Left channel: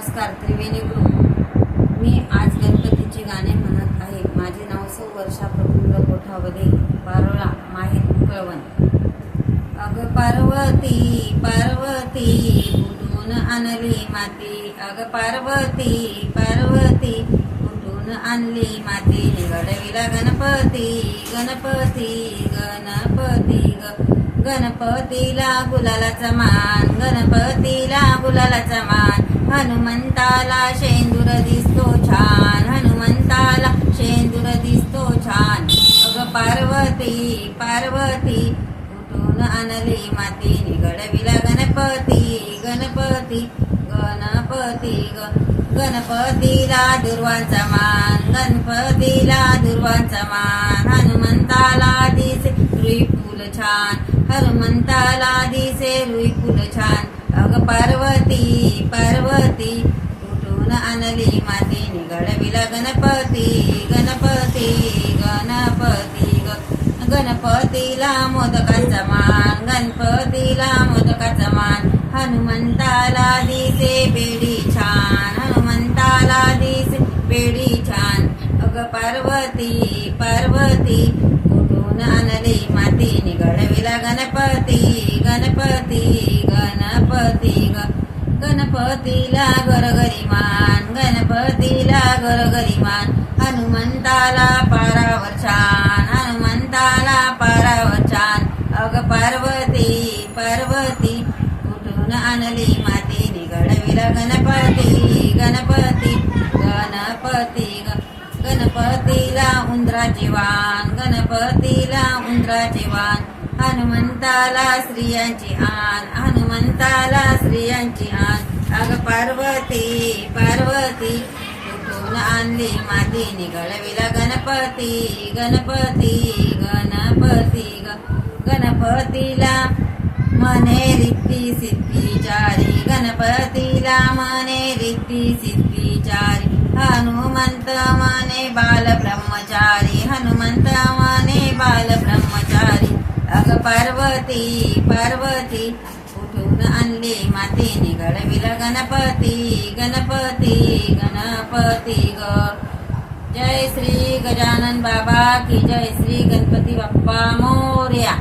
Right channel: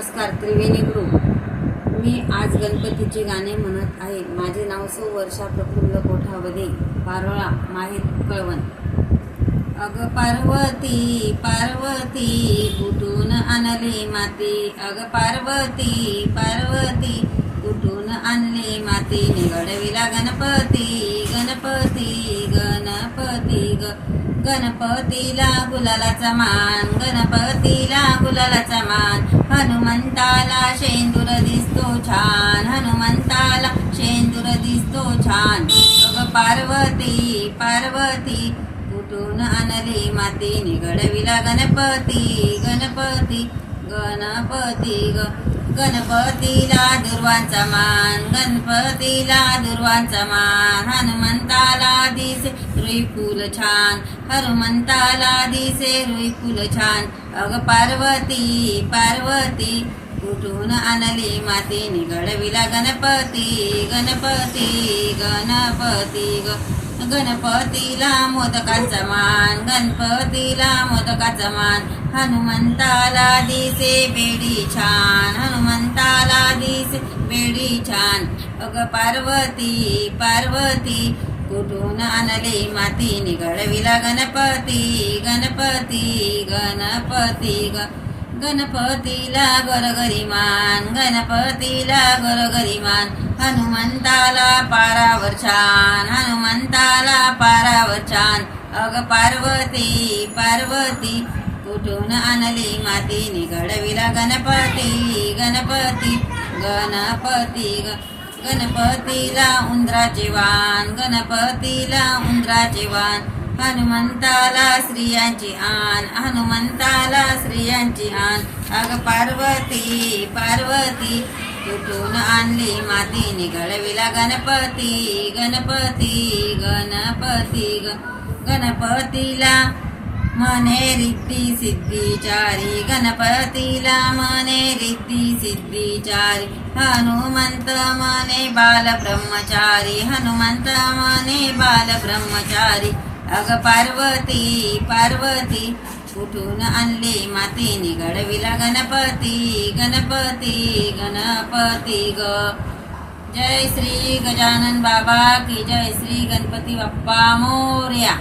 नमस्कार त्रिवेणी ग्रुप। मी आज गणपतीचे गाणे म्हणत आहे। माझे नाव सौ वर्षा प्रफुल्ल कोठावदे, पारोळा माहेर कळवण। अग पार्वती पार्वती कुठून आणली माती, अग पार्वती पार्वती कुठून आणली माती। निघडविला गणपती गणपती गणपती गणपतीला गुलालाचा मान, गणपतीला गुलालाचा मान। हनुमंताला शेंदूर दिसतो छान, हनुमंताला शेंदूर दिसतो छान। अग पार्वती पार्वती कुठून आणली माती। निघडविला गणपती गणपती गणपती गणपतीला दुर्वांचा मान, गणपतीला दुर्वांचा मान। हनुमंताला दिसे रुई फुल छान, हनुमंताला दिसे रुई फुल छान। अग पार्वती पार्वती कुठून आणली माती। निघडविला गणपती गणपती गणपती गणपतीला मोदकाचा मान, गणपतीला मोदकाचा मान। हनुमंताला दिसे बेडी छान, हनुमंताला दिसे बेडी छान। अग पार्वती पार्वती कुठून आणली माती। निघडविला गणपती गणपती गणपती गणपतीला गरगरी मान, गणपतीला गरगरी मान। हनुमंताला पारावर छान, हनुमंताला पारावर छान। अग पार्वती पार्वती कुठून आणली माती। निघडविला गणपती गणपती गणपती गणपतीला उंदराचे वाण, गणपतीला उंदराचे वाण। हनुमंताला स्त्रियांची आण, हनुमंताला स्त्रियांची आण। अग पार्वती पार्वती कुठून आणली माती। निघडविला गणपती गणपती गणपती गणपतीला मने रिद्धी सिद्धी चारी, गणपतीला मने रिद्धी सिद्धी चारी। हनुमंत मने बाल ब्रह्मचारी, हनुमंत मने बाल ब्रह्मचारी। अग पार्वती पार्वती कुठून आणली माती। निघडविला गणपती गणपती गणपती जय श्री गजानन बाबा की जय, श्री गणपती बाप्पा मोरया।